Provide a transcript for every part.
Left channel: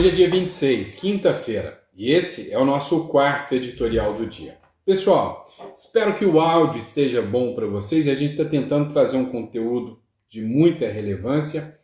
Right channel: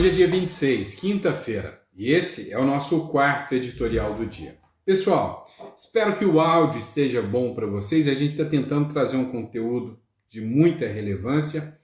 Hoje é dia 26, quinta-feira, e esse é o nosso quarto editorial do dia. Pessoal, espero que o áudio esteja bom para vocês. A gente está tentando trazer um conteúdo de muita relevância.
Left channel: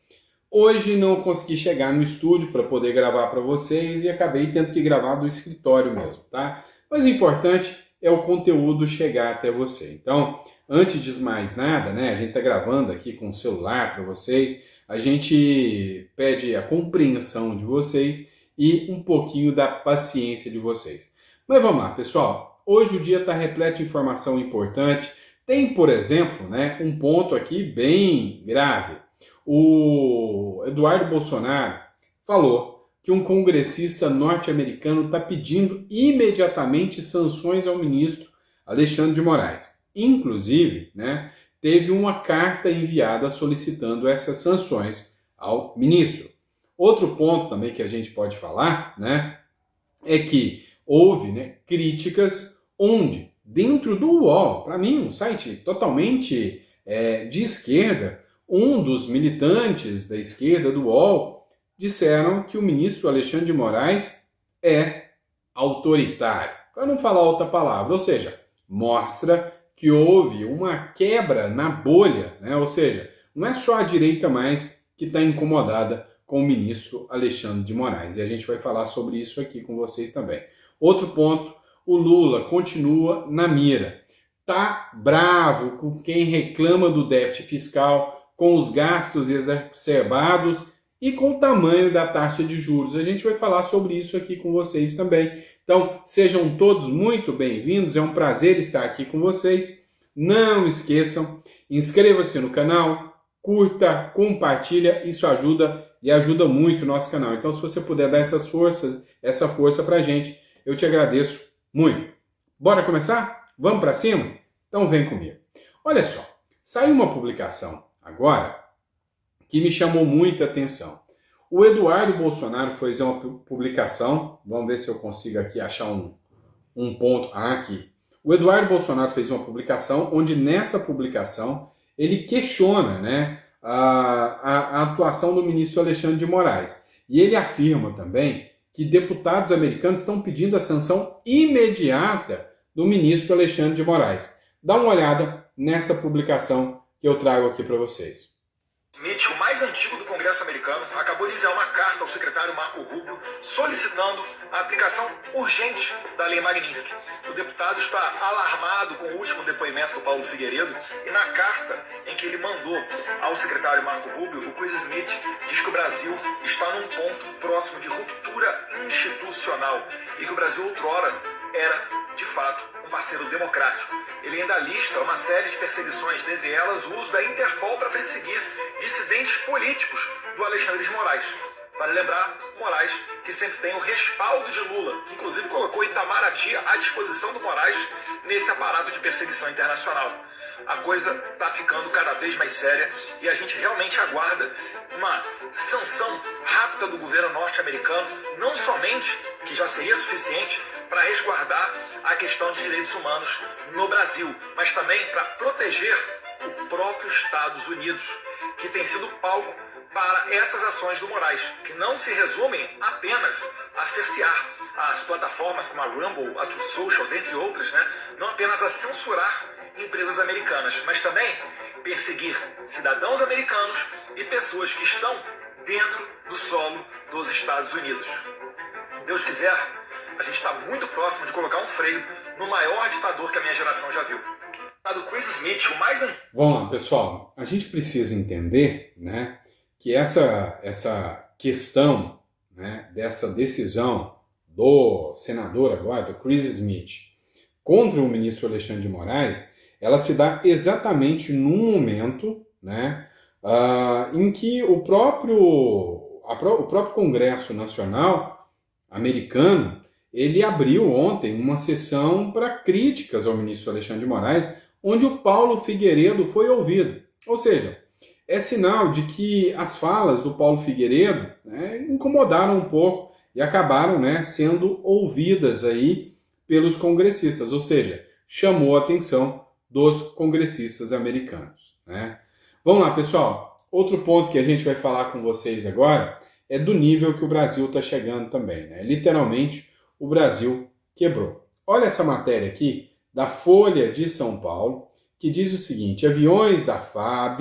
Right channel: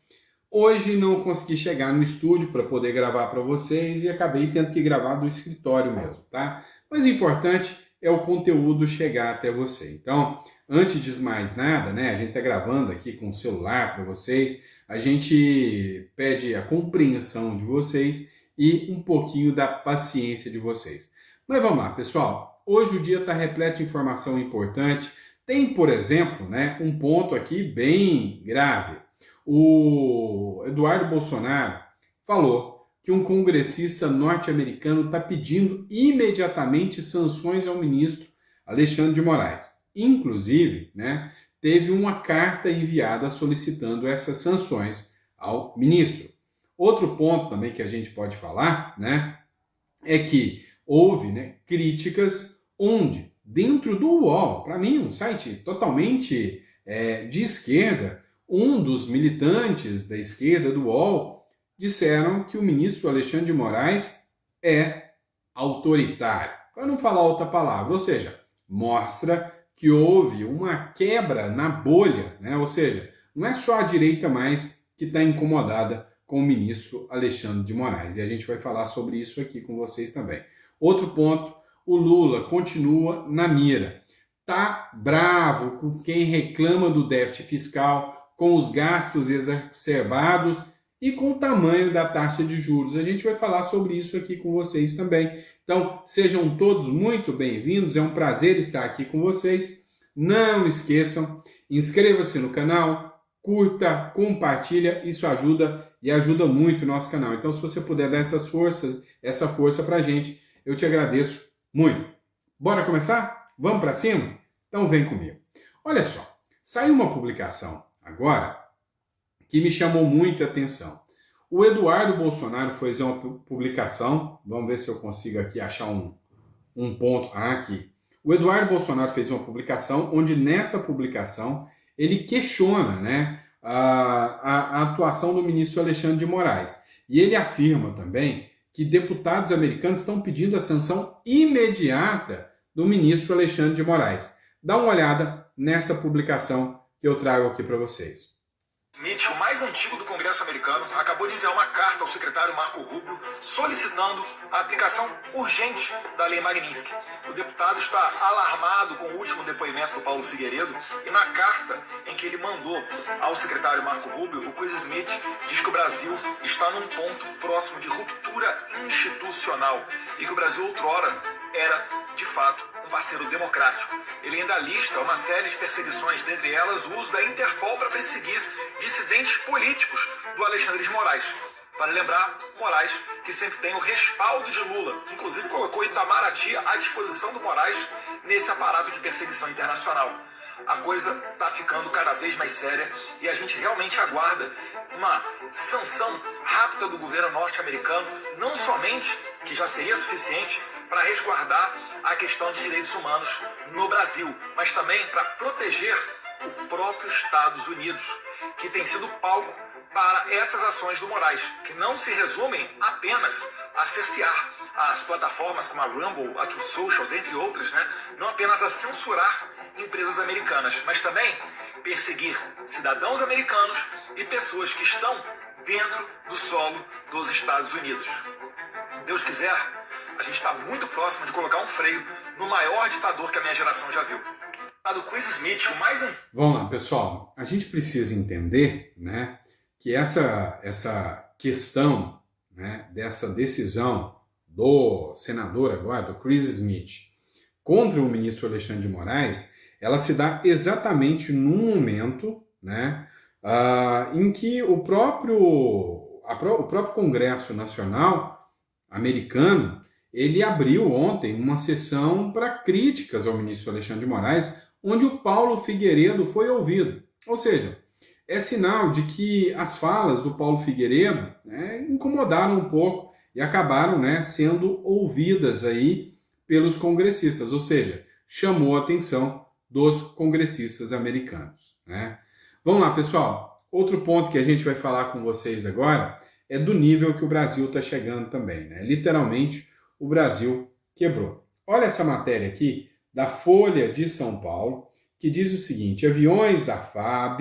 Hoje não consegui chegar no estúdio para poder gravar para vocês e acabei tendo que gravar do escritório mesmo, tá? Mas o importante é o conteúdo chegar até você. Então, antes de mais nada, né, a gente está gravando aqui com o celular para vocês, a gente pede a compreensão de vocês e um pouquinho da paciência de vocês. Mas vamos lá, pessoal. Hoje o dia está repleto de informação importante. Tem, por exemplo, né, um ponto aqui bem grave. O Eduardo Bolsonaro falou que um congressista norte-americano está pedindo imediatamente sanções ao ministro Alexandre de Moraes. Inclusive, né, teve uma carta enviada solicitando essas sanções ao ministro. Outro ponto também que a gente pode falar, né, é que houve, né, críticas onde, dentro do UOL, para mim, um site totalmente de esquerda, um dos militantes da esquerda do UOL disseram que o ministro Alexandre de Moraes é autoritário. Para não falar outra palavra, ou seja, mostra que houve uma quebra na bolha, né? Ou seja, não é só a direita mais que está incomodada com o ministro Alexandre de Moraes. E a gente vai falar sobre isso aqui com vocês também. Outro ponto, o Lula continua na mira. Tá bravo com quem reclama do déficit fiscal, com os gastos exacerbados e com o tamanho da taxa de juros. A gente vai falar sobre isso aqui com vocês também. Então, sejam todos muito bem-vindos, é um prazer estar aqui com vocês. Não esqueçam, inscreva-se no canal, curta, compartilha, isso ajuda e ajuda muito o nosso canal. Então, se você puder dar essa força pra gente, eu te agradeço muito. Bora começar? Vamos para cima? Então vem comigo. Olha só, saiu uma publicação agora que me chamou muita atenção. O Eduardo Bolsonaro fez uma publicação, vamos ver se eu consigo aqui achar um ponto. Aqui. O Eduardo Bolsonaro fez uma publicação onde nessa publicação ele questiona, né, a atuação do ministro Alexandre de Moraes. E ele afirma também que deputados americanos estão pedindo a sanção imediata do ministro Alexandre de Moraes. Dá uma olhada nessa publicação que eu trago aqui para vocês. Mitch, o mais antigo do Congresso americano, acabou de enviar uma carta ao secretário Marco Rubio solicitando a aplicação urgente da Lei Magnitsky. O deputado está alarmado com o último depoimento do Paulo Figueiredo e na carta em que ele mandou ao secretário Marco Rubio, o Chris Smith diz que o Brasil está num ponto próximo de ruptura institucional e que o Brasil outrora era, de fato, um parceiro democrático. Ele ainda lista uma série de perseguições, dentre elas o uso da Interpol para perseguir dissidentes políticos do Alexandre de Moraes. Vale lembrar, Moraes, que sempre tem o respaldo de Lula, que inclusive colocou Itamaraty à disposição do Moraes nesse aparato de perseguição internacional. A coisa está ficando cada vez mais séria e a gente realmente aguarda uma sanção rápida do governo norte-americano, não somente, que já seria suficiente, para resguardar a questão de direitos humanos no Brasil, mas também para proteger o próprio Estados Unidos, que tem sido palco para essas ações do Moraes, que não se resumem apenas a cercear as plataformas como a Rumble, a Truth Social, dentre outras, né? Não apenas a censurar empresas americanas, mas também perseguir cidadãos americanos e pessoas que estão dentro do solo dos Estados Unidos. Deus quiser, a gente está muito próximo de colocar um freio no maior ditador que a minha geração já viu. Do Chris Smith, o mais... Vamos lá, pessoal. A gente precisa entender, né, que essa questão, né, dessa decisão do senador agora, do Chris Smith, contra o ministro Alexandre de Moraes, ela se dá exatamente num momento, né, em que o próprio Congresso Nacional americano ele abriu ontem uma sessão para críticas ao ministro Alexandre de Moraes, onde o Paulo Figueiredo foi ouvido. Ou seja, é sinal de que as falas do Paulo Figueiredo, né, incomodaram um pouco e acabaram, né, sendo ouvidas aí pelos congressistas, ou seja, chamou a atenção dos congressistas americanos, né? Vamos lá, pessoal. Outro ponto que a gente vai falar com vocês agora do nível que o Brasil está chegando também, né? Literalmente, o Brasil quebrou. Olha essa matéria aqui da Folha de São Paulo, que diz o seguinte: aviões da FAB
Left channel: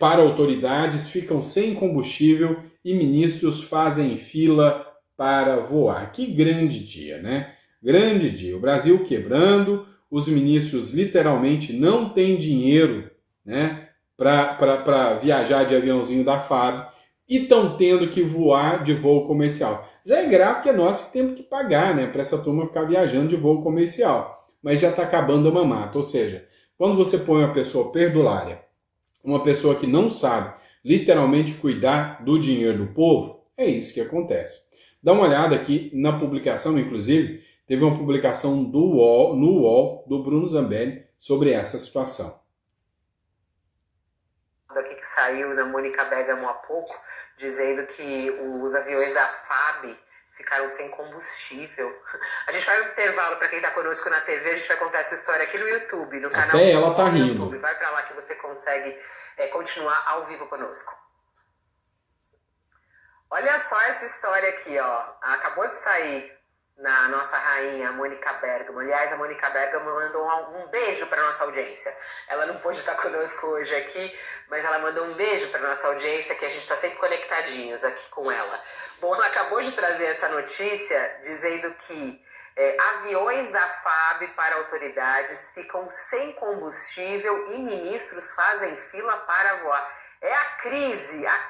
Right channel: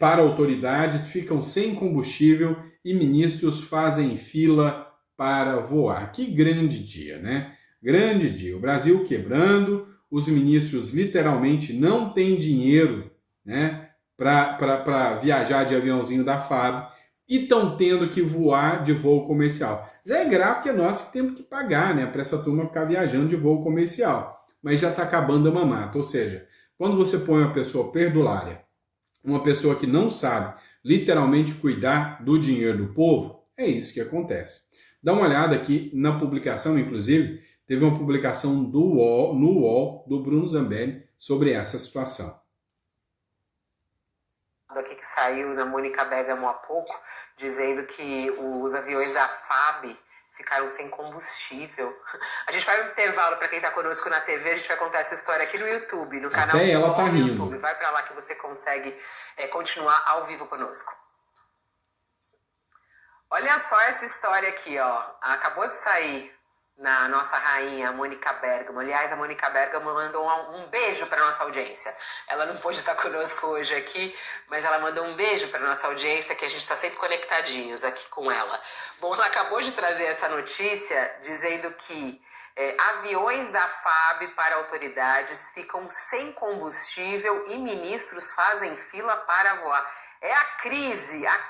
para autoridades ficam sem combustível e ministros fazem fila para voar. Que grande dia, né? Grande dia. O Brasil quebrando, os ministros literalmente não têm dinheiro, né, para viajar de aviãozinho da FAB e estão tendo que voar de voo comercial. Já é grave que é nós que temos que pagar, né, para essa turma ficar viajando de voo comercial. Mas já está acabando a mamata. Ou seja, quando você põe uma pessoa perdulária, uma pessoa que não sabe literalmente cuidar do dinheiro do povo, é isso que acontece. Dá uma olhada aqui na publicação, inclusive, teve uma publicação no UOL, do Bruno Zambelli, sobre essa situação. Daqui que saiu da Mônica Bergamo há pouco, dizendo que os aviões da FAB ficaram sem combustível. A gente vai no intervalo, para quem está conosco na TV, a gente vai contar essa história aqui no YouTube, no canal Até ela tá do rindo. YouTube. Vai para lá que você consegue continuar ao vivo conosco. Olha só essa história aqui, ó. Acabou de sair na nossa rainha, Mônica Bergamo. Aliás, a Mônica Bergamo mandou um beijo para nossa audiência. Ela não pôde estar conosco hoje aqui, mas ela mandou um beijo para nossa audiência, que a gente está sempre conectadinhos aqui com ela. Bom, ela acabou de trazer essa notícia dizendo que aviões da FAB para autoridades ficam sem combustível e ministros fazem fila para voar. É a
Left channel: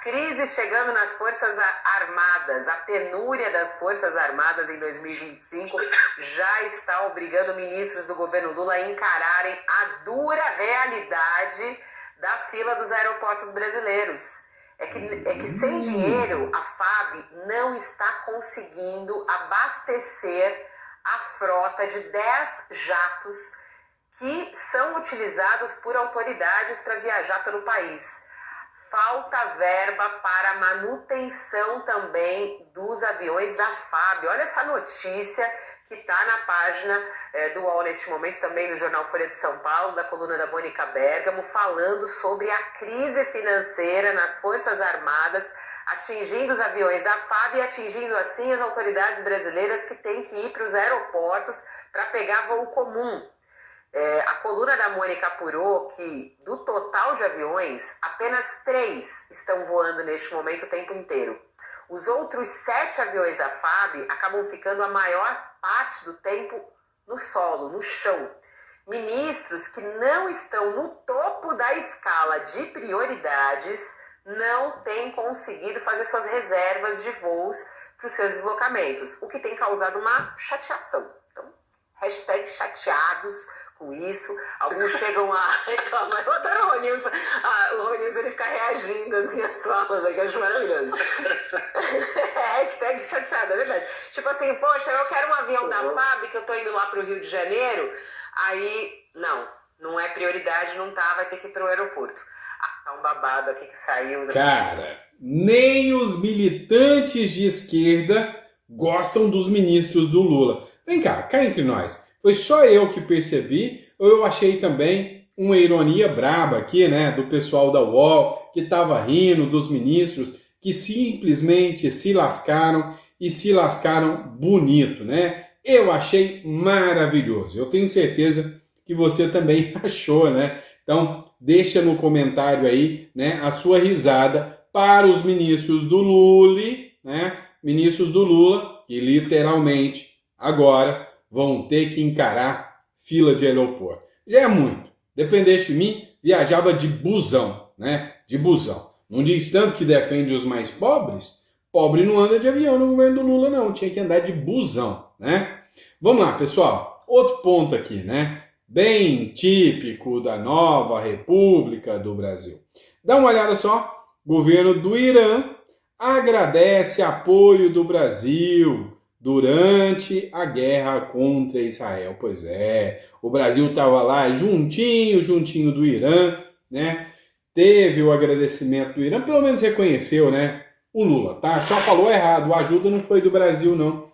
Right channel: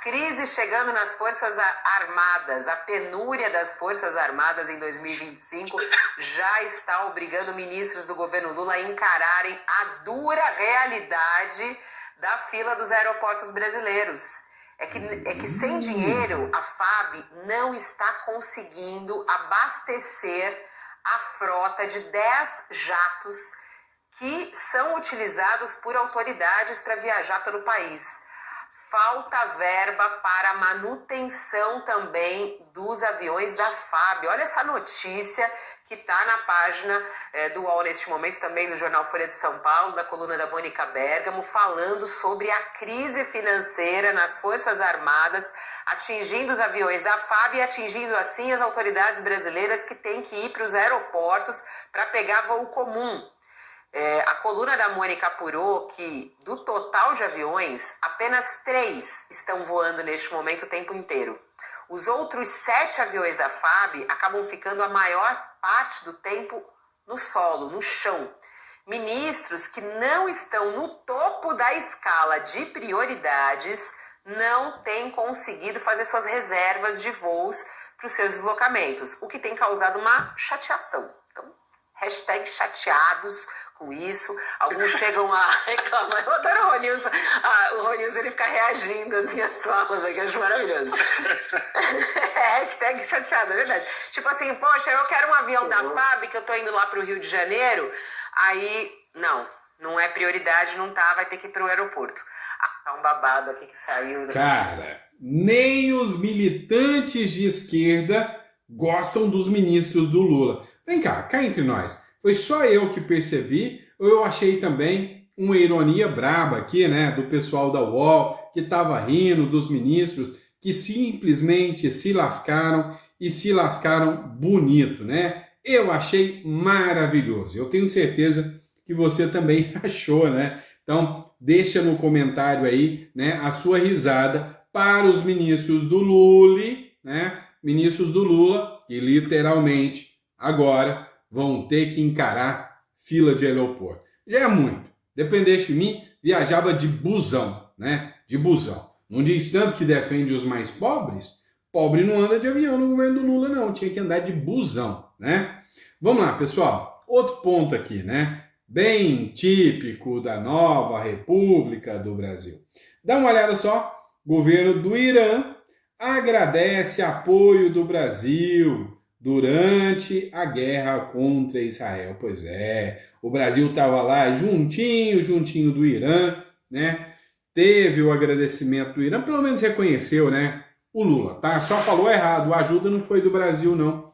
crise chegando nas Forças Armadas. A penúria das Forças Armadas em 2025 já está obrigando ministros do governo Lula a encararem a dura realidade da fila dos aeroportos brasileiros. É que sem dinheiro a FAB não está conseguindo abastecer a frota de 10 jatos que são utilizados por autoridades para viajar pelo país. Falta verba para manutenção também dos aviões da FAB. Olha essa notícia que está na página do UOL neste momento, também no jornal Folha de São Paulo, da coluna da Mônica Bergamo, falando sobre a crise financeira nas Forças Armadas, atingindo os aviões da FAB e atingindo assim as autoridades brasileiras que têm que ir para os aeroportos para pegar voo comum. A coluna da Mônica apurou que, do total de aviões, apenas 3 estão voando neste momento o tempo inteiro. Os outros 7 aviões da FAB acabam ficando a maior parte do tempo no solo, no chão. Ministros que não estão no topo da escala de prioridades não têm conseguido fazer suas reservas de voos para os seus deslocamentos, o que tem causado uma chateação. Então, hashtag chateados com isso. Alguns chegam a reclamar. Eu adoro o Ronilson. O Ronilson, ele fica reagindo às minhas falas aqui, acho maravilhoso. Hashtag chateado, é verdade. Tipo assim, poxa, eu quero um avião da FAB, que eu tô indo lá pro Rio de Janeiro, aí, não é prioridade, não tá, vai ter que ir pro aeroporto. Tá um babado aqui que saiu. Cara, nem os militantes de esquerda gostam dos ministros do Lula. Vem cá entre nós. Foi só eu que percebi, ou eu achei também uma ironia braba aqui, né, do pessoal da UOL, que estava rindo dos ministros, que simplesmente se lascaram e se lascaram bonito, né? Eu achei maravilhoso. Eu tenho certeza que você também achou, né? Então, deixa no comentário aí, né, a sua risada para os ministros do Lula, né? Ministros do Lula, que literalmente agora vão ter que encarar fila de aeroporto. Já é muito. Dependesse de mim, viajava de busão, né? De busão. Não diz tanto que defende os mais pobres? Pobre não anda de avião no governo do Lula, não. Tinha que andar de busão, né? Vamos lá, pessoal. Outro ponto aqui, né? Bem típico da nova República do Brasil. Dá uma olhada só. Governo do Irã agradece apoio do Brasil durante a guerra contra Israel. Pois é, o Brasil estava lá juntinho do Irã, né? Teve o agradecimento do Irã, pelo menos reconheceu, né? O Lula, tá? Só falou errado, a ajuda não foi do Brasil, não.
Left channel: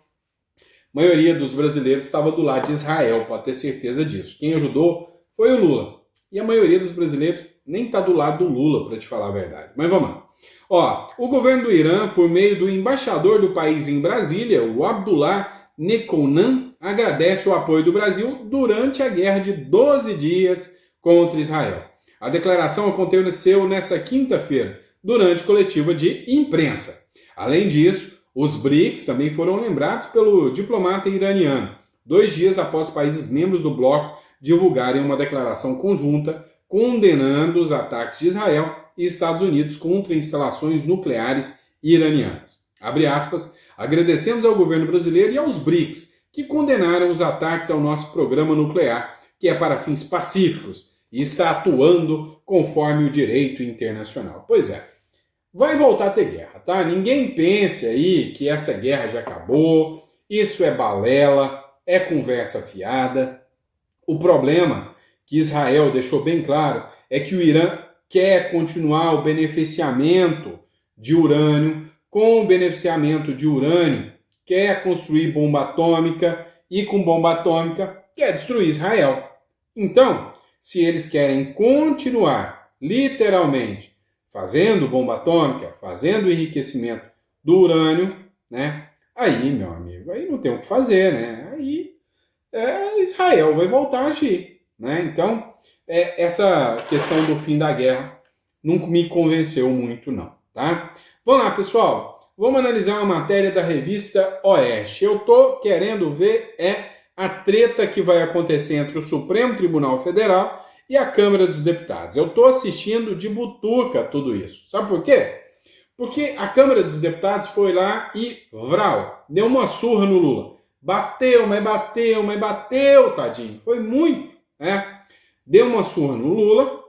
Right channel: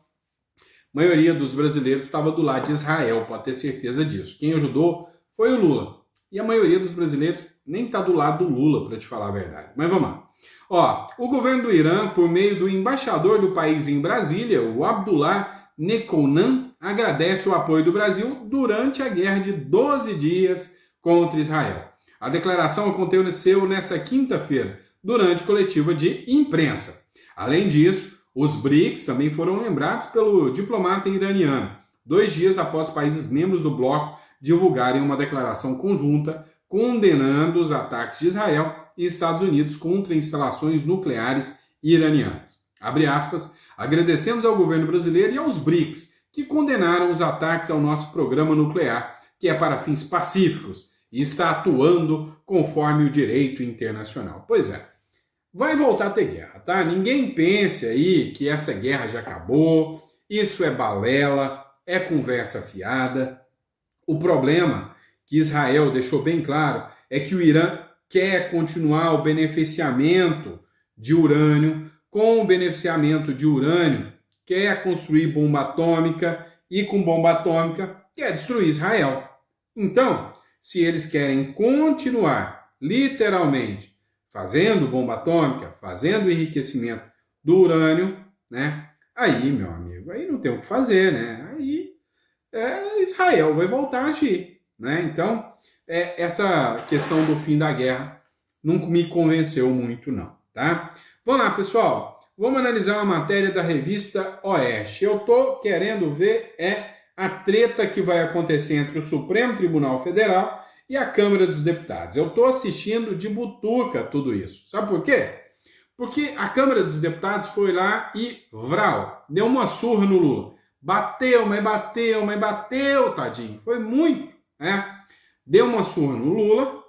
A maioria dos brasileiros estava do lado de Israel, pode ter certeza disso. Quem ajudou foi o Lula. E a maioria dos brasileiros nem está do lado do Lula, para te falar a verdade. Mas vamos lá. Ó, o governo do Irã, por meio do embaixador do país em Brasília, o Abdullah Nekounan, agradece o apoio do Brasil durante a guerra de 12 dias contra Israel. A declaração aconteceu nesta quinta-feira, durante coletiva de imprensa. Além disso, os BRICS também foram lembrados pelo diplomata iraniano, 2 dias após países membros do bloco divulgarem uma declaração conjunta condenando os ataques de Israel e Estados Unidos contra instalações nucleares iranianas. Abre aspas, agradecemos ao governo brasileiro e aos BRICS, que condenaram os ataques ao nosso programa nuclear, que é para fins pacíficos e está atuando conforme o direito internacional. Pois é, vai voltar a ter guerra, tá? Ninguém pense aí que essa guerra já acabou, isso é balela, é conversa fiada. O problema que Israel deixou bem claro é que o Irã quer continuar o beneficiamento de urânio. Com o beneficiamento de urânio, quer construir bomba atômica e com bomba atômica quer destruir Israel. Então, se eles querem continuar, literalmente, fazendo bomba atômica, fazendo enriquecimento do urânio, né? Aí, meu amigo, aí não tem o que fazer, né? Aí Israel vai voltar a agir, né? Então, essa questão do fim da guerra não me convenceu muito, não, tá? Vamos lá, pessoal. Vamos analisar uma matéria da revista Oeste. Eu tô querendo ver a treta que vai acontecer entre o Supremo Tribunal Federal e a Câmara dos Deputados. Eu tô assistindo de butuca tudo isso. Sabe por quê? Porque a Câmara dos Deputados foi lá e, deu uma surra no Lula. Bateu, mas bateu, mas bateu, tadinho. Foi muito, né? Deu uma surra no Lula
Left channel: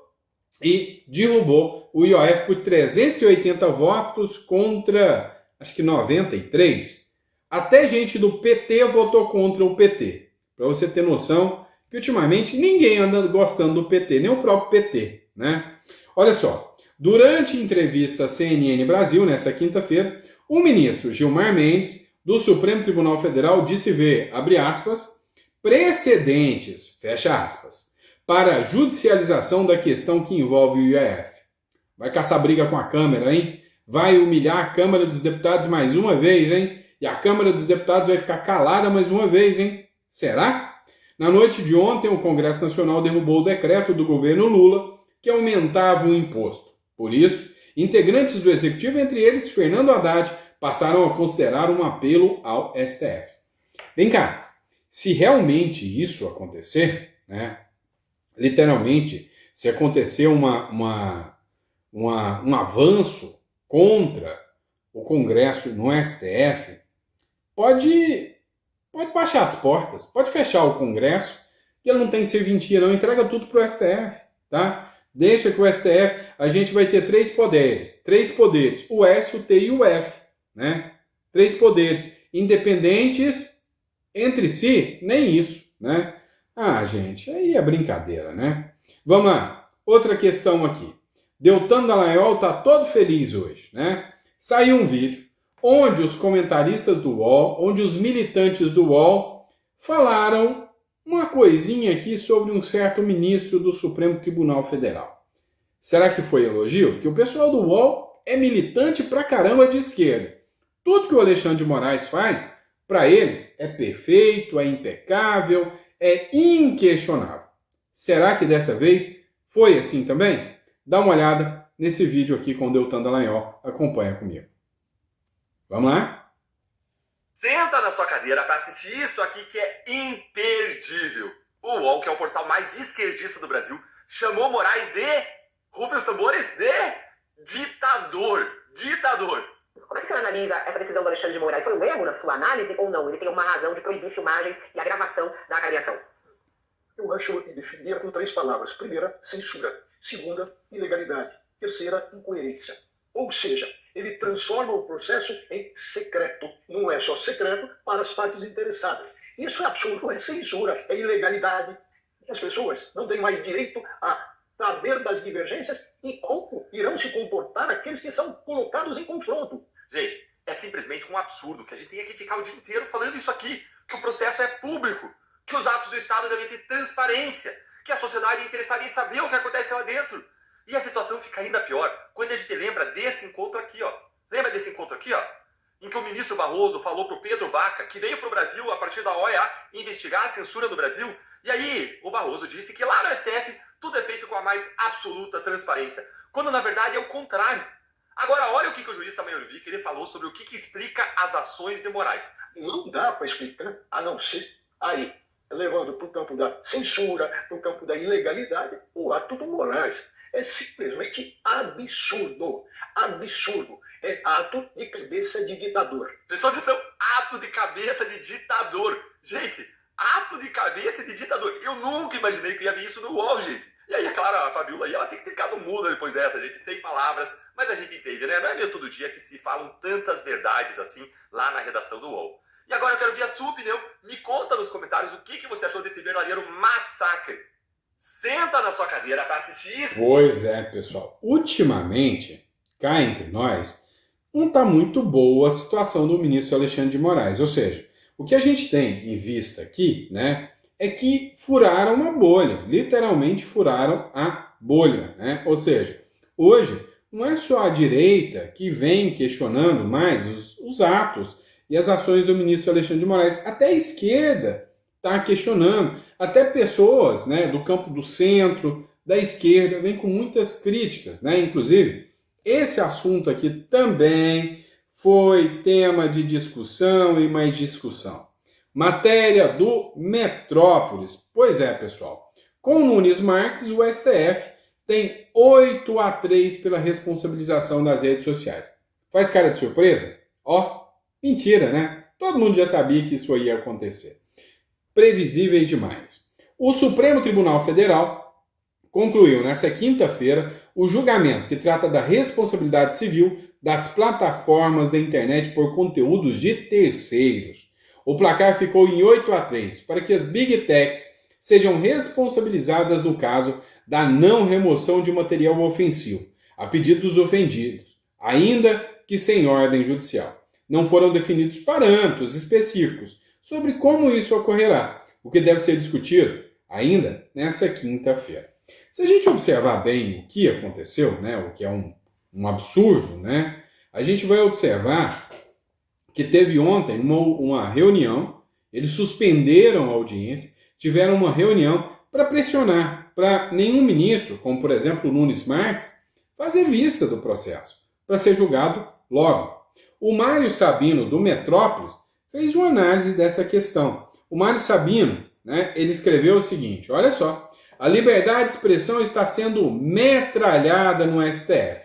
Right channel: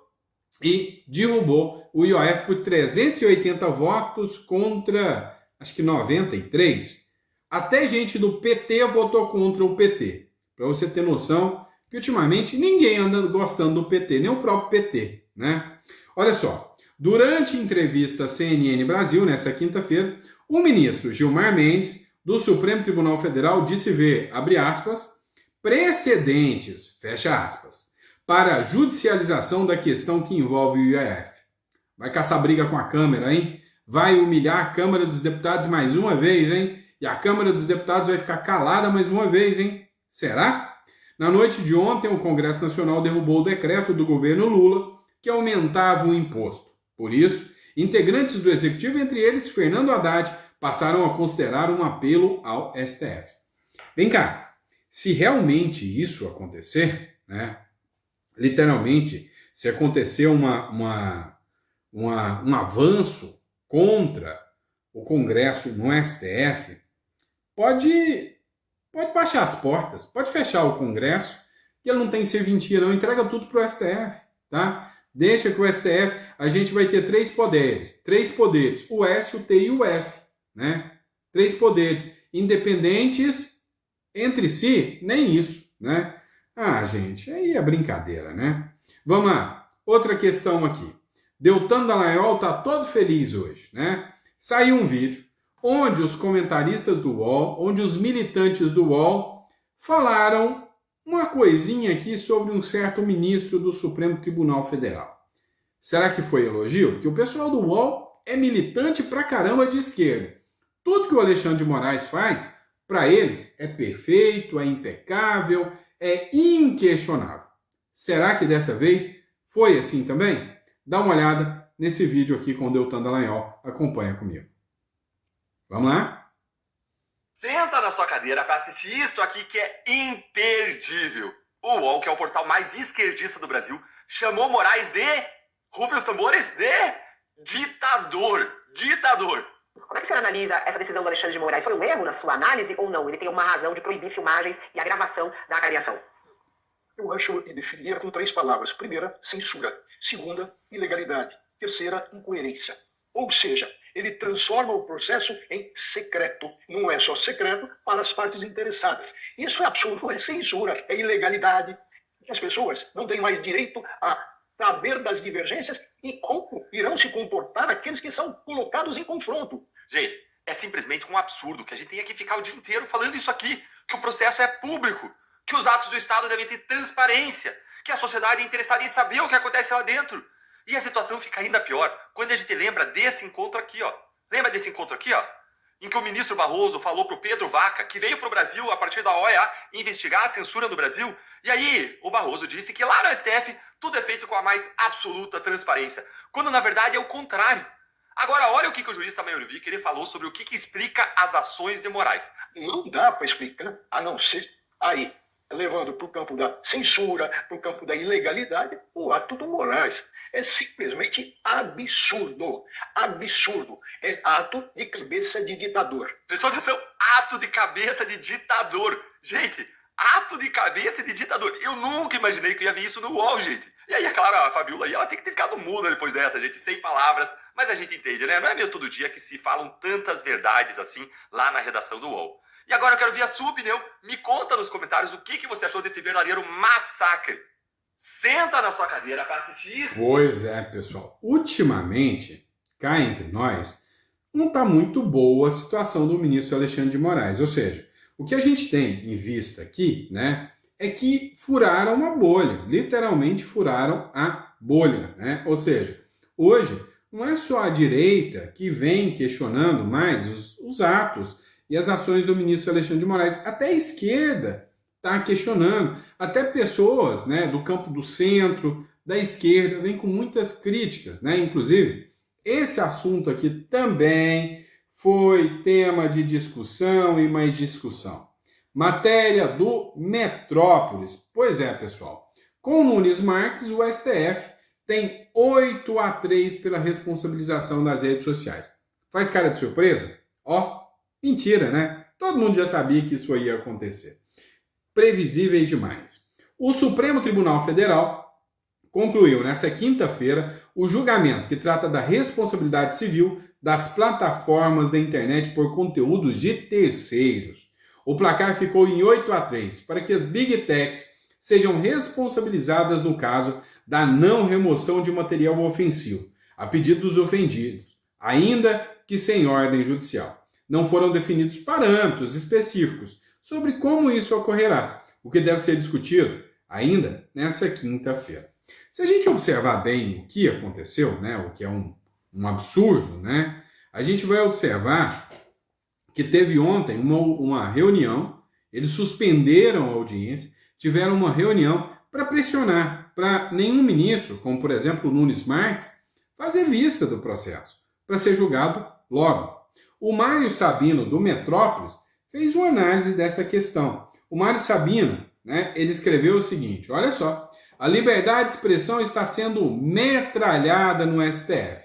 e derrubou o IOF por 380 votos contra, acho que 93. Até gente do PT votou contra o PT. Para você ter noção que ultimamente ninguém anda gostando do PT, nem o próprio PT, né? Olha só, durante entrevista à CNN Brasil, nessa quinta-feira, o ministro Gilmar Mendes, do Supremo Tribunal Federal, disse ver, abre aspas, precedentes, fecha aspas, para a judicialização da questão que envolve o IOF. Vai caçar briga com a Câmara, hein? Vai humilhar a Câmara dos Deputados mais uma vez, hein? E a Câmara dos Deputados vai ficar calada mais uma vez, hein? Será? Na noite de ontem, o Congresso Nacional derrubou o decreto do governo Lula que aumentava o imposto. Por isso, integrantes do Executivo, entre eles Fernando Haddad, passaram a considerar um apelo ao STF. Vem cá, se realmente isso acontecer, né? Literalmente, se acontecer um avanço contra o Congresso no STF, pode baixar as portas, pode fechar o Congresso, que ele não tem serventia não, entrega tudo para o STF, tá? Deixa que o STF, a gente vai ter três poderes, o S, o T e o F, né? 3 poderes independentes entre si, nem isso, né? Ah, gente, aí é brincadeira, né? Vamos lá, outra questão aqui. Deltan Dallagnol tá todo feliz hoje, né? Saiu um vídeo onde os comentaristas do UOL, onde os militantes do UOL falaram uma coisinha aqui sobre um certo ministro do Supremo Tribunal Federal. Será que foi elogio? Porque o pessoal do UOL é militante pra caramba de esquerda. Tudo que o Alexandre de Moraes faz, para eles, é perfeito, é impecável, é inquestionável. Será que dessa vez foi assim também? Dá uma olhada nesse vídeo aqui com o Deltan Dallagnol. Acompanha comigo. Vamos lá? Senta na sua cadeira para assistir isso aqui que é imperdível. O UOL, que é o portal mais esquerdista do Brasil, chamou Moraes de... rufem os tambores, de... ditador. Como é que você analisa essa decisão do Alexandre de Moraes? Foi um erro na sua análise ou não? Ele tem uma razão de proibir filmagens e a gravação da avaliação. Eu acho que definir com 3 palavras. Primeira, censura. Segunda, ilegalidade. Terceira, incoerência. Ou seja, ele transforma o processo em secreto. Não é só secreto para as partes interessadas. Isso é absurdo, é censura, é ilegalidade. As pessoas não têm mais direito a saber das divergências e como irão se comportar aqueles que são colocados em confronto. Gente, é simplesmente um absurdo que a gente tenha que ficar o dia inteiro falando isso aqui, que o processo é público, que os atos do Estado devem ter transparência, que a sociedade é interessada em saber o que acontece lá dentro. E a situação fica ainda pior quando a gente lembra desse encontro aqui, ó. Lembra desse encontro aqui, ó? Em que o ministro Barroso falou pro Pedro Vaca, que veio pro Brasil a partir da OEA investigar a censura no Brasil. E aí, o Barroso disse que lá no STF tudo é feito com a mais absoluta transparência, quando na verdade é o contrário. Agora, olha o que o jurista Mayorvik ele falou sobre o que explica as ações de Moraes. Não dá para explicar, a não ser aí, levando para o campo da censura, para o campo da ilegalidade, o ato do Moraes. É simplesmente absurdo. Absurdo. É ato de cabeça de ditador. Prestou atenção? Ato de cabeça de ditador. Gente, ato de cabeça de ditador. Eu nunca imaginei que eu ia ver isso no UOL, gente. E aí, é claro, a Fabiola aí, ela tem que ter ficado muda depois dessa, gente, sem palavras. Mas a gente entende, né? Não é mesmo todo dia que se falam tantas verdades assim lá na redação do UOL. E agora eu quero ver a sua opinião. Me conta nos comentários o que você achou desse verdadeiro massacre. Senta na sua cadeira para assistir isso. Pois é, pessoal. Ultimamente, cá entre nós, não está muito boa a situação do ministro Alexandre de Moraes. Ou seja, o que a gente tem em vista aqui, né, é que furaram uma bolha. Literalmente furaram a bolha, né? Ou seja, hoje não é só a direita que vem questionando mais os atos e as ações do ministro Alexandre de Moraes. Até a esquerda está questionando, até pessoas, né, do campo do centro, da esquerda, vêm com muitas críticas, né? Inclusive, esse assunto aqui também foi tema de discussão e mais discussão. Matéria do Metrópolis. Pois é, pessoal, com Nunes Marques, o STF tem 8-3 pela responsabilização das redes sociais. Faz cara de surpresa? Ó, mentira, né? Todo mundo já sabia que isso ia acontecer. Previsíveis demais. O Supremo Tribunal Federal concluiu nesta quinta-feira o julgamento que trata da responsabilidade civil das plataformas da internet por conteúdos de terceiros. O placar ficou em 8-3 para que as Big Techs sejam responsabilizadas no caso da não remoção de material ofensivo, a pedido dos ofendidos, ainda que sem ordem judicial. Não foram definidos parâmetros específicos sobre como isso ocorrerá, o que deve ser discutido ainda nessa quinta-feira. Se a gente observar bem o que aconteceu, né, o que é um absurdo, né, a gente vai observar que teve ontem uma reunião, eles suspenderam a audiência, tiveram uma reunião para pressionar, para nenhum ministro, como por exemplo o Nunes Marques, fazer vista do processo, para ser julgado logo. O Mário Sabino, do Metrópolis, fez uma análise dessa questão. O Mário Sabino, né, ele escreveu o seguinte, olha só, a liberdade de expressão está sendo metralhada no STF,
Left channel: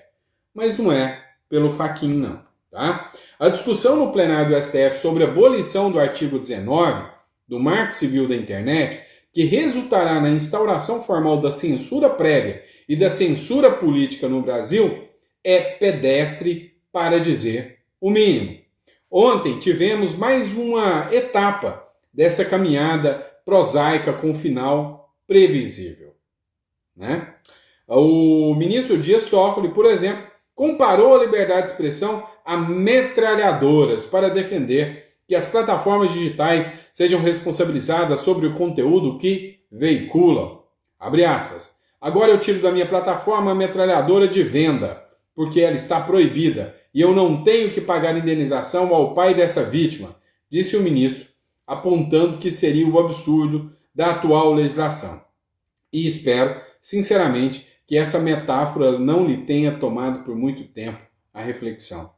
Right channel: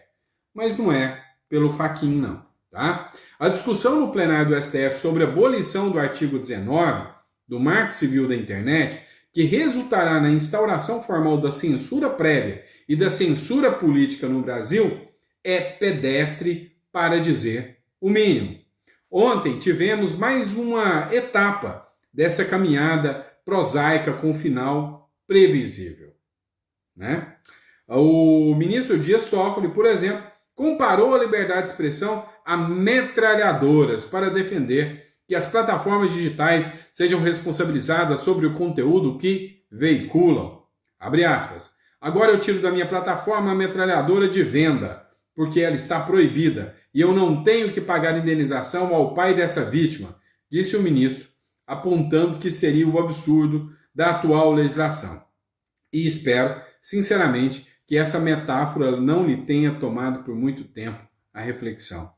mas não é pelo Fachin, não. Tá? A discussão no plenário do STF sobre a abolição do artigo 19 do Marco Civil da Internet, que resultará na instauração formal da censura prévia e da censura política no Brasil, é pedestre, para dizer o mínimo. Ontem tivemos mais uma etapa dessa caminhada prosaica com final previsível, né? O ministro Dias Toffoli, por exemplo, comparou a liberdade de expressão a metralhadoras para defender que as plataformas digitais sejam responsabilizadas sobre o conteúdo que veiculam. Abre aspas. Agora eu tiro da minha plataforma a metralhadora de venda, porque ela está proibida e eu não tenho que pagar indenização ao pai dessa vítima, disse o ministro, apontando que seria o absurdo da atual legislação. E espero, sinceramente, que essa metáfora não lhe tenha tomado por muito tempo a reflexão.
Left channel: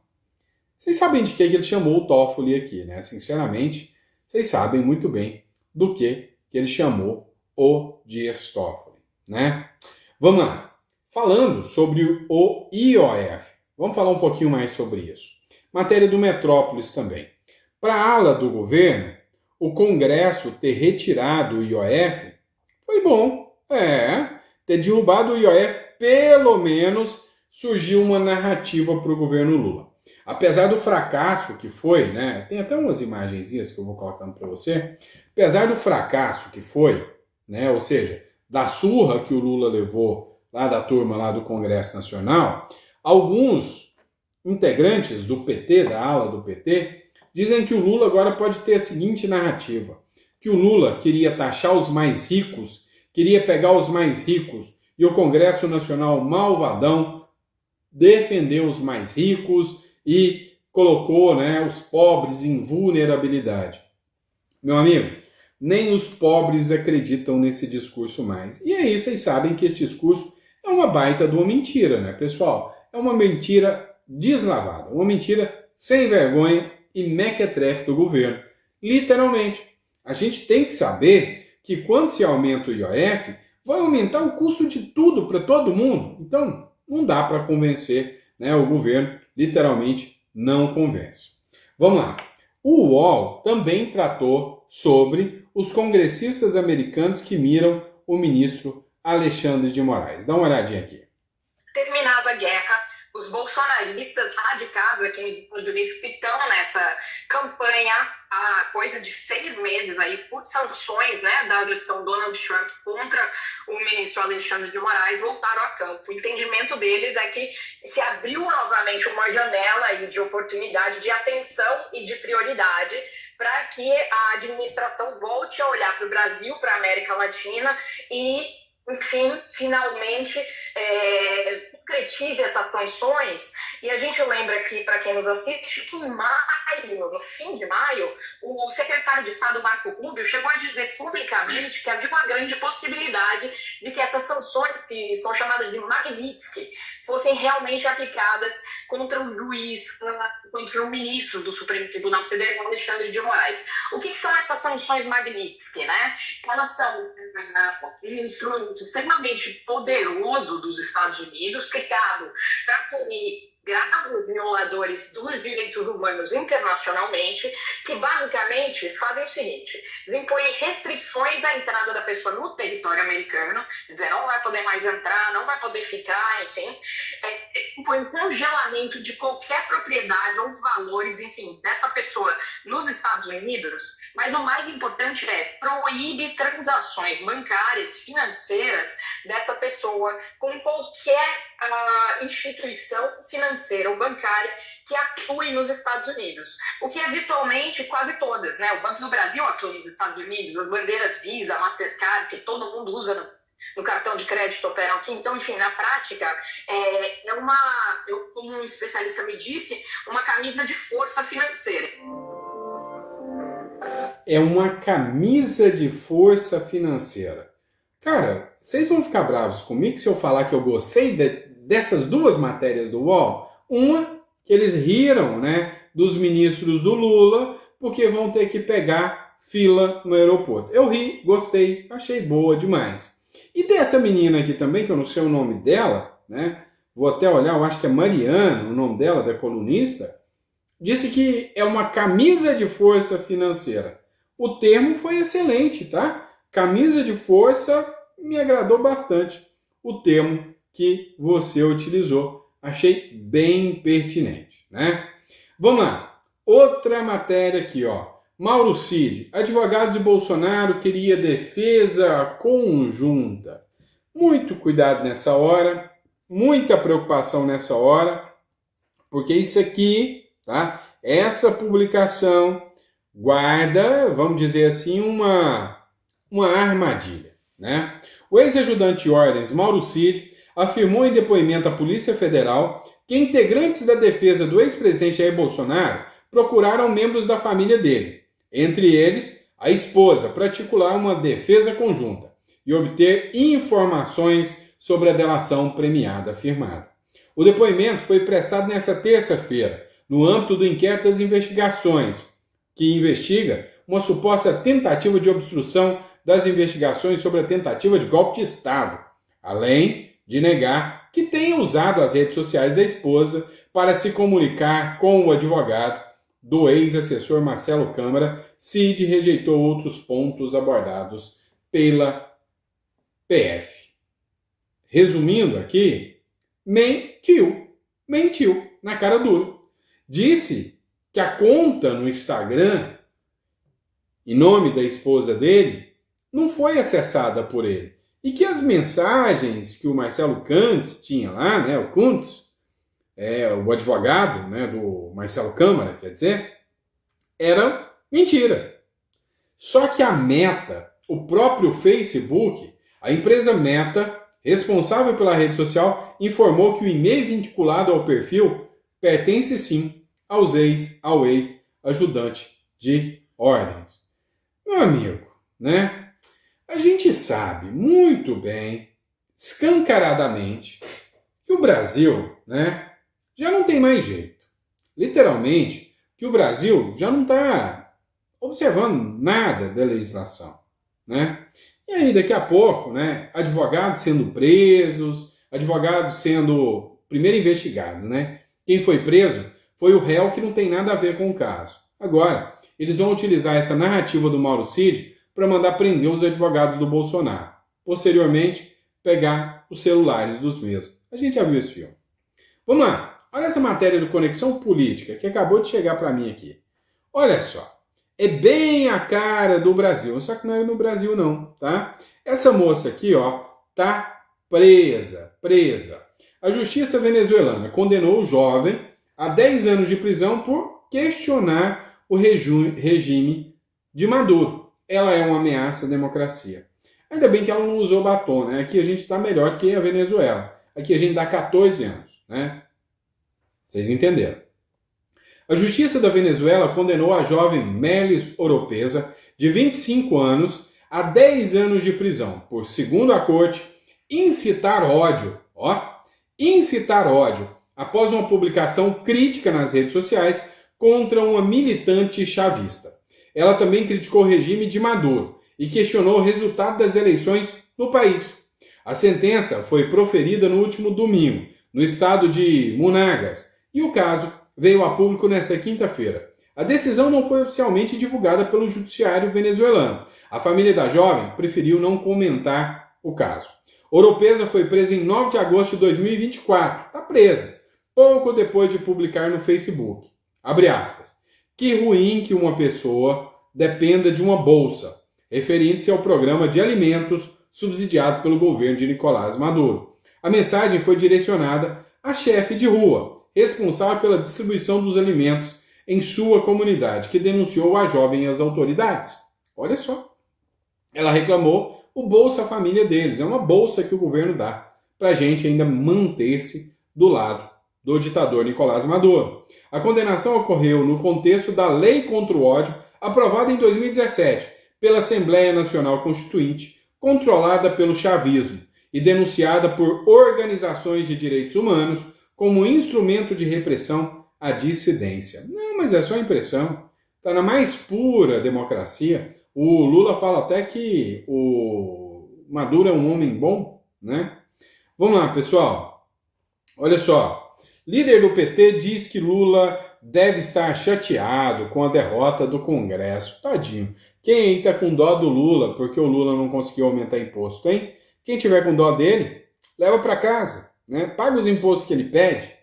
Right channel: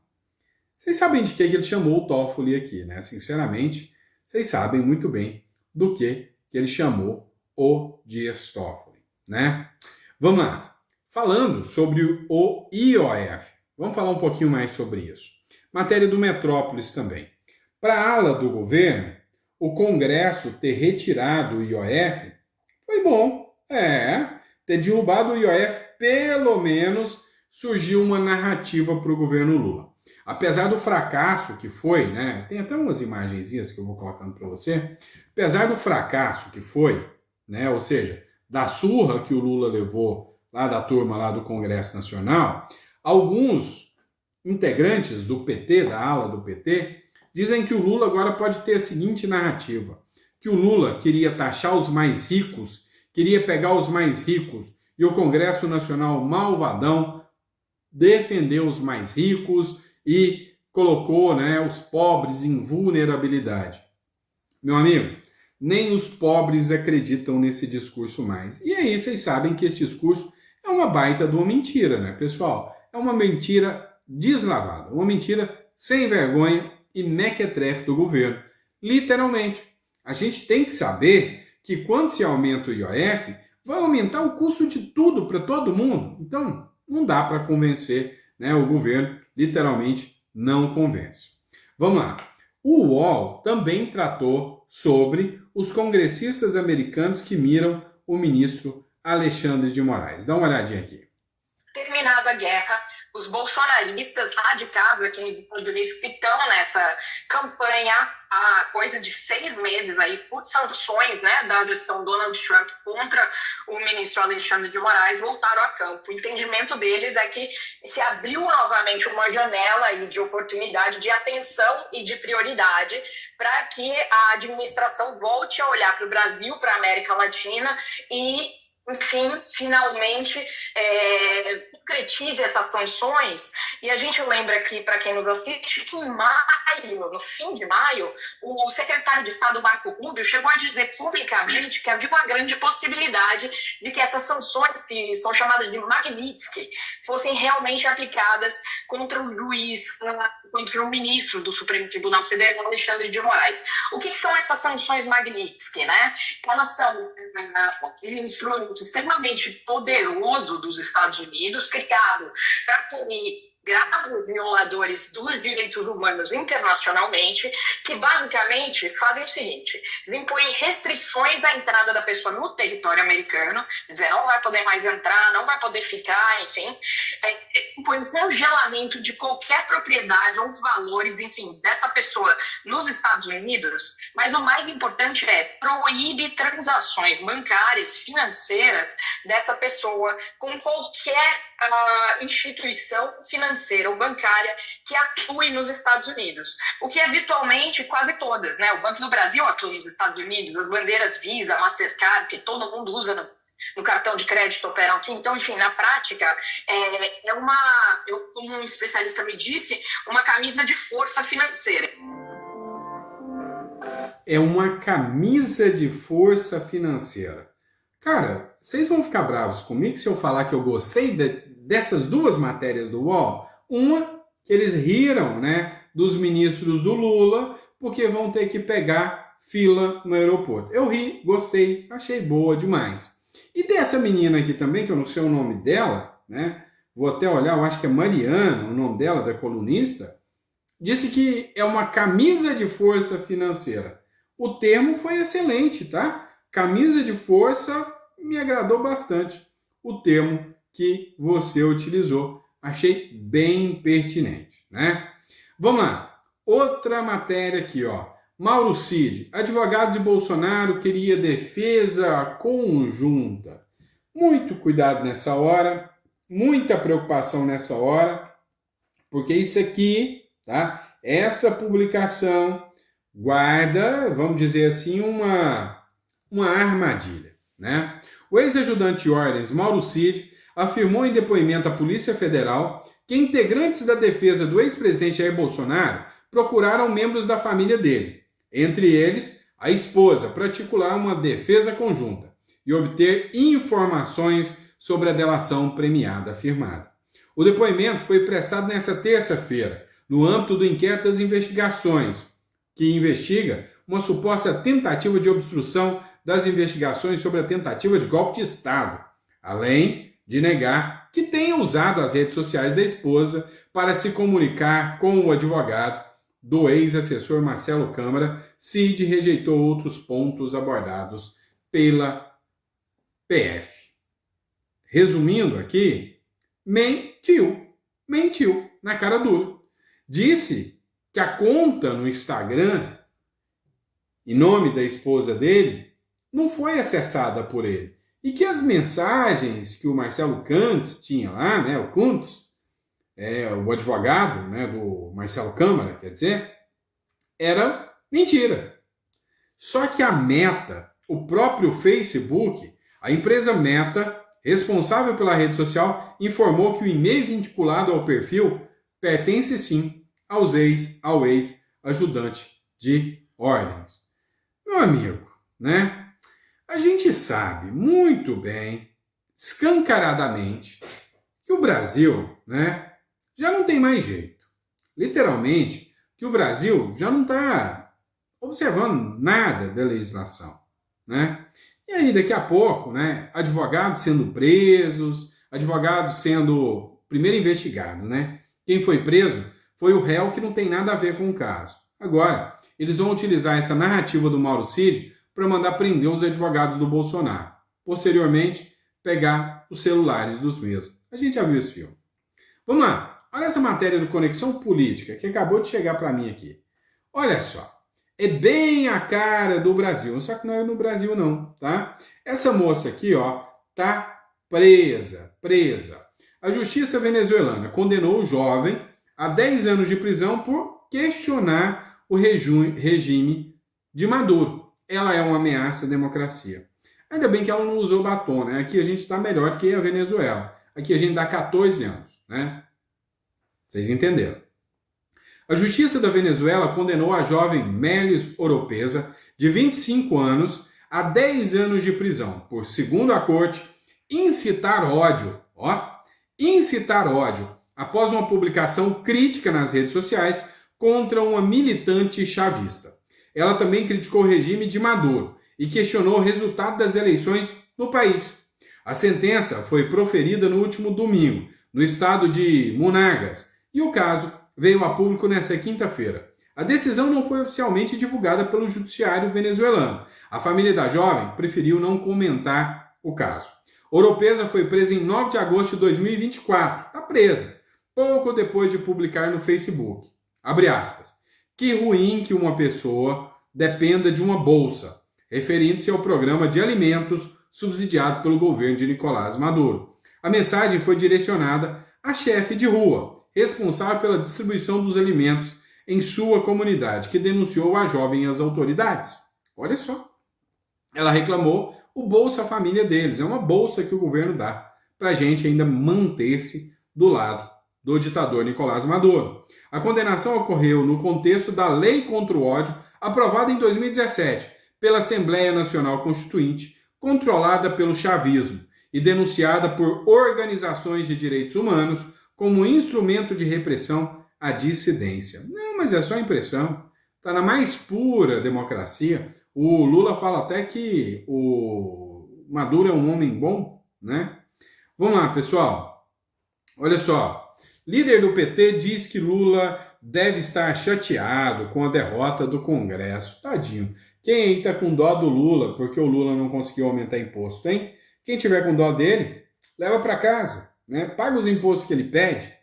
Vocês sabem de que ele chamou o Toffoli aqui, né? Sinceramente, vocês sabem muito bem do que ele chamou o Dias Toffoli, né? Vamos lá. Falando sobre o IOF, vamos falar um pouquinho mais sobre isso. Matéria do Metrópolis também. Para a ala do governo, o Congresso ter retirado o IOF foi bom. Ter derrubado o IOF, pelo menos surgiu uma narrativa para o governo Lula. Apesar do fracasso que foi, né? Tem até umas imagenzinhas que eu vou colocando para você. Apesar do fracasso que foi, né? Ou seja, da surra que o Lula levou lá da turma lá do Congresso Nacional, alguns integrantes do PT, da ala do PT, dizem que o Lula agora pode ter a seguinte narrativa, que o Lula queria taxar os mais ricos, queria pegar os mais ricos e o Congresso Nacional malvadão defendeu os mais ricos e colocou, né, os pobres em vulnerabilidade. Meu amigo, nem os pobres acreditam nesse discurso mais. E aí vocês sabem que esse discurso é uma baita de uma mentira, né, pessoal? É uma mentira deslavada, uma mentira sem vergonha e mequetrefe do governo. Literalmente. A gente tem que saber que quando se aumenta o IOF, vai aumentar o custo de tudo para todo mundo. Então, não dá para convencer, né? O governo literalmente não convence. Vamos lá. O UOL também tratou sobre os congressistas americanos que miram o ministro Alexandre de Moraes. Dá uma olhadinha aqui. Terminada a guerra, os bolsonaristas radicados aqui nos Estados Unidos que estão nessa campanha há coisa de 6 meses aí por sanções, né, da gestão Donald Trump contra o ministro Alexandre de Moraes voltaram a campo. O entendimento deles é que se abriu novamente uma janela aí de oportunidade, de atenção e de prioridade para que a administração volte a olhar para o Brasil, para a América Latina e, enfim, finalmente concretize essas sanções. E a gente lembra que, para quem nos assiste, que em maio, no fim de maio, o secretário de Estado, Marco Rubio, chegou a dizer publicamente que havia uma grande possibilidade de que essas sanções, que são chamadas de Magnitsky, fossem realmente aplicadas contra o juiz, contra o ministro do Supremo Tribunal Federal, Alexandre de Moraes. O que são essas sanções Magnitsky, né? Elas são um instrumento extremamente poderoso dos Estados Unidos, criado para punir graves violadores dos direitos humanos internacionalmente, que basicamente fazem o seguinte: impõem restrições à entrada da pessoa no território americano, dizer, não vai poder mais entrar, não vai poder ficar, enfim, impõe congelamento de qualquer propriedade ou valores, enfim, dessa pessoa nos Estados Unidos, mas o mais importante é proíbe transações bancárias, financeiras dessa pessoa com qualquer instituição financeira ou bancária que atue nos Estados Unidos, o que é virtualmente quase todas, né? O Banco do Brasil atua nos Estados Unidos, as bandeiras Visa, Mastercard, que todo mundo usa no cartão de crédito operam aqui. Então, enfim, na prática, como um especialista me disse, uma camisa de força financeira. É uma camisa de força financeira. Cara, vocês vão ficar bravos comigo se eu falar que eu gostei dessas duas matérias do UOL? Uma, que eles riram, né, dos ministros do Lula, porque vão ter que pegar fila no aeroporto. Eu ri, gostei, achei boa demais. E dessa menina aqui também, que eu não sei o nome dela, né, vou até olhar, eu acho que é Mariana, o nome dela, da colunista, disse que é uma camisa de força financeira. O termo foi excelente, tá? Camisa de força me agradou bastante. O termo que você utilizou, achei bem pertinente, né? Vamos lá. Outra matéria aqui, ó. Mauro Cid, advogado de Bolsonaro, queria defesa conjunta. Muito cuidado nessa hora, muita preocupação nessa hora, porque isso aqui, tá? Essa publicação guarda, vamos dizer assim, uma armadilha, né? O ex-ajudante de ordens, Mauro Cid, afirmou em depoimento à Polícia Federal que integrantes da defesa do ex-presidente Jair Bolsonaro procuraram membros da família dele, entre eles a esposa, para articular uma defesa conjunta e obter informações sobre a delação premiada firmada. O depoimento foi prestado nesta terça-feira, no âmbito do inquérito das investigações, que investiga uma suposta tentativa de obstrução das investigações sobre a tentativa de golpe de Estado, além de negar que tenha usado as redes sociais da esposa para se comunicar com o advogado do ex-assessor Marcelo Câmara. Cid rejeitou outros pontos abordados pela PF. Resumindo aqui, mentiu na cara dura. Disse que a conta no Instagram, em nome da esposa dele, não foi acessada por ele. E que as mensagens que o Marcelo Kuntz tinha lá, né, o Kuntz, o advogado, né, do Marcelo Câmara, quer dizer, era mentira. Só que a Meta, o próprio Facebook, a empresa Meta, responsável pela rede social, informou que o e-mail vinculado ao perfil pertence sim ao ex-ajudante de ordens. Meu amigo, né? A gente sabe muito bem, escancaradamente, que o Brasil, né, já não tem mais jeito. Literalmente, que o Brasil já não está observando nada da legislação, né? E aí, daqui a pouco, né, advogados sendo presos, advogados sendo primeiro investigados, né? Quem foi preso foi o réu que não tem nada a ver com o caso. Agora, eles vão utilizar essa narrativa do Mauro Cid para mandar prender os advogados do Bolsonaro. Posteriormente, pegar os celulares dos mesmos. A gente já viu esse filme. Vamos lá. Olha essa matéria do Conexão Política que acabou de chegar para mim aqui. Olha só. É bem a cara do Brasil. Só que não é no Brasil não, tá? Essa moça aqui, ó, tá presa. A justiça venezuelana condenou o jovem a 10 anos de prisão por questionar o regime de Maduro. Ela é uma ameaça à democracia. Ainda bem que ela não usou batom, né? Aqui a gente está melhor que a Venezuela. Aqui a gente dá 14 anos, né? Vocês entenderam. A justiça da Venezuela condenou a jovem Melis Oropesa, de 25 anos, a 10 anos de prisão, por, segundo a corte, incitar ódio. Incitar ódio, após uma publicação crítica nas redes sociais contra uma militante chavista. Ela também criticou o regime de Maduro e questionou o resultado das eleições no país. A sentença foi proferida no último domingo, no estado de Monagas, e o caso veio a público nesta quinta-feira. A decisão não foi oficialmente divulgada pelo judiciário venezuelano. A família da jovem preferiu não comentar o caso. Oropesa foi presa em 9 de agosto de 2024. Está presa. Pouco depois de publicar no Facebook. Abre aspas. Que ruim que uma pessoa dependa de uma bolsa, referindo-se ao programa de alimentos subsidiado pelo governo de Nicolás Maduro. A mensagem foi direcionada à chefe de rua, responsável pela distribuição dos alimentos em sua comunidade, que denunciou a jovem às autoridades. Olha só. Ela reclamou o Bolsa Família deles. É uma bolsa que o governo dá para a gente ainda manter-se do lado do ditador Nicolás Maduro. A condenação ocorreu no contexto da Lei contra o Ódio, aprovada em 2017 pela Assembleia Nacional Constituinte, controlada pelo chavismo e denunciada por organizações de direitos humanos como instrumento de repressão à dissidência. Não, mas é só impressão. Está na mais pura democracia. O Lula fala até que o Maduro é um homem bom, né? Vamos lá, pessoal. Olha só. Líder do PT diz que Lula deve estar chateado com a derrota do Congresso. Tadinho. Quem aí está com dó do Lula porque o Lula não conseguiu aumentar imposto, hein? Quem tiver com dó dele, leva para casa, né? Paga os impostos que ele pede.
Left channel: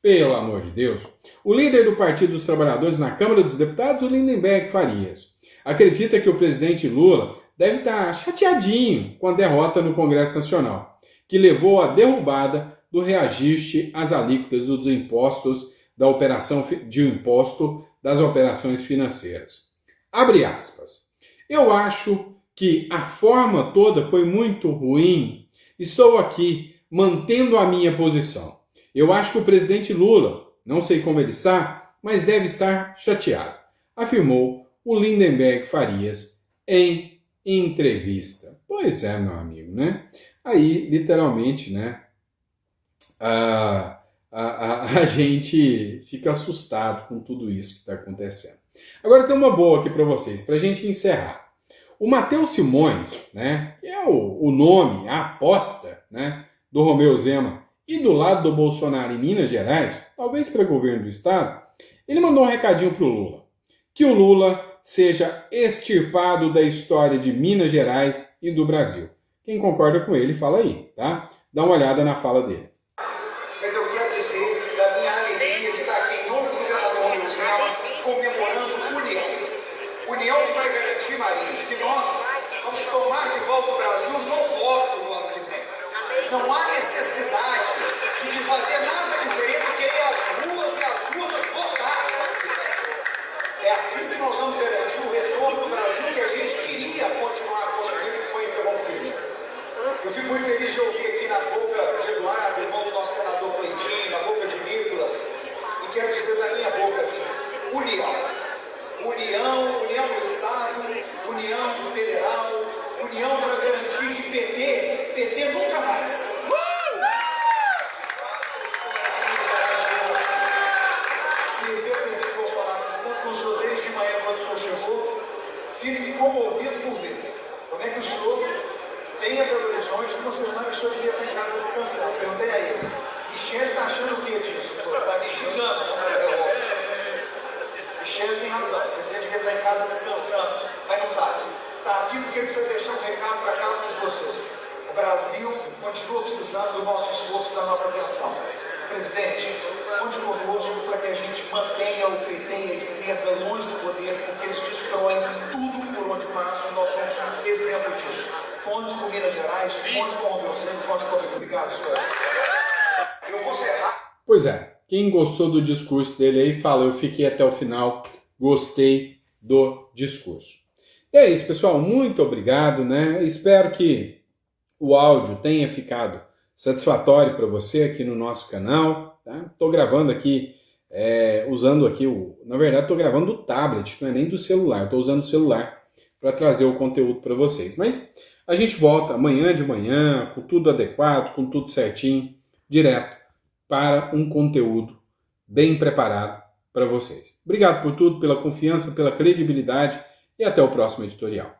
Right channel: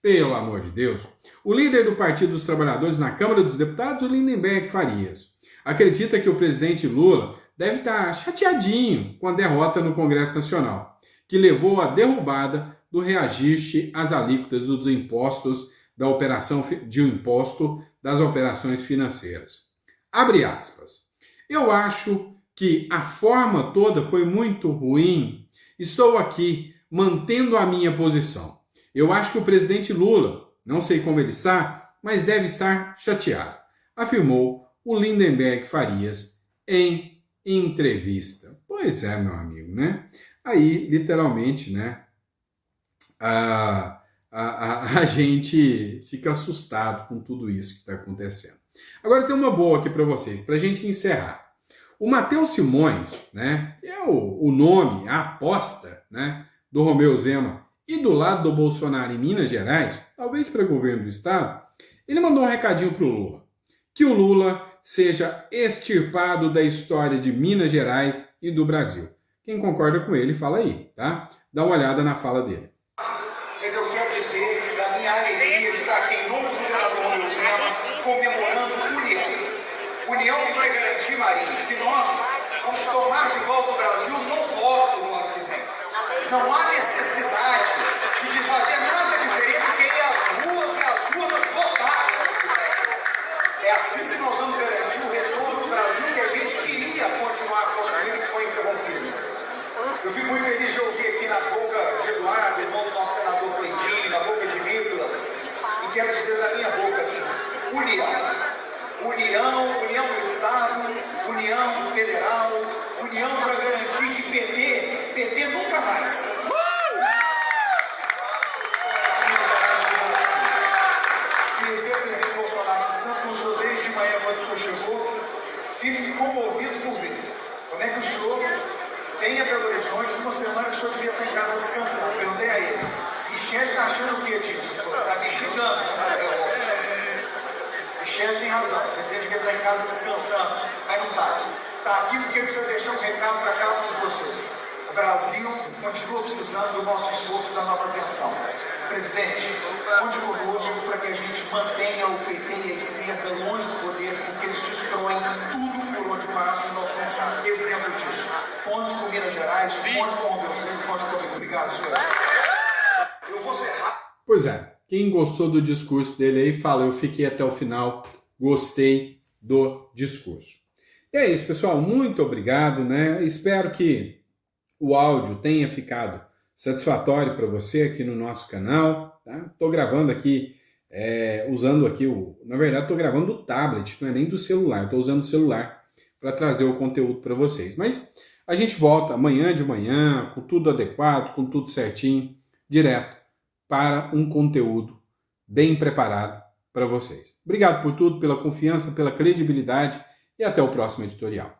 Pelo amor de Deus. O líder do Partido dos Trabalhadores na Câmara dos Deputados, o Lindenberg Farias, acredita que o presidente Lula deve estar chateadinho com a derrota no Congresso Nacional, que levou à derrubada do reajuste às alíquotas dos impostos da operação de imposto das operações financeiras. Abre aspas. Eu acho que a forma toda foi muito ruim. Estou aqui mantendo a minha posição. Eu acho que o presidente Lula, não sei como ele está, mas deve estar chateado, afirmou o Lindenberg Farias em entrevista. Pois é, meu amigo, né? Aí, literalmente, né? A gente fica assustado com tudo isso que está acontecendo. Agora tem uma boa aqui para vocês, para a gente encerrar. O Matheus Simões, né? Que é o nome, a aposta, né? Do Romeu Zema e do lado do Bolsonaro em Minas Gerais, talvez para o governo do estado, ele mandou um recadinho para o Lula. Que o Lula seja extirpado da história de Minas Gerais e do Brasil. Quem concorda com ele, fala aí, tá? Dá uma olhada na fala dele. Mas eu quero dizer da minha alegria de estar aqui em nome do governador Romeu Zema, comemorando união que vai garantir, Marinho, que nós vamos tomar de volta o Brasil no voto no ano que vem. Não há necessidade de fazer nada diferente do que ir às ruas e às urnas votar. É assim que nós vamos garantir o retorno do Brasil que a gente queria continuar construindo e que foi interrompido. Eu fico muito feliz de ouvir aqui na boca de Eduardo, irmão do nosso senador Cleitinho, na boca de Nicolas, e quero dizer da minha boca aqui, união do Estado, união federal, união para garantir que PT nunca mais. Queria dizer, presidente Bolsonaro, tanto o senhor desde manhã quando o senhor chegou, fico comovido por ver como é que o senhor vem a Belo Horizonte, uma semana que o senhor devia estar em casa descansando. Perguntei a ele, Michele está achando o que disso? Está me xingando, Michele tem razão, o presidente devia estar em casa descansando, mas não está. Está aqui porque precisa deixar um recado para cada um de vocês. O Brasil continua precisando do nosso esforço e da nossa atenção. Presidente, conte conosco para que a gente mantenha o PT e a esquerda longe do poder, porque eles destroem tudo por onde passam, nós somos exemplo disso. Conte com Minas Gerais, conte com o Belzano, conte comigo. Obrigado, senhores. Eu vou ser rápido. Pois é, quem gostou do discurso dele aí, fala, eu fiquei até o final, gostei do discurso. E é isso, pessoal, muito obrigado, né? Espero que o áudio tenha ficado satisfatório para você aqui no nosso canal, tá? Estou gravando aqui, usando aqui na verdade estou gravando do tablet, não é nem do celular, estou usando o celular para trazer o conteúdo para vocês. Mas a gente volta amanhã de manhã, com tudo adequado, com tudo certinho, direto para um conteúdo bem preparado para vocês. Obrigado por tudo, pela confiança, pela credibilidade e até o próximo editorial.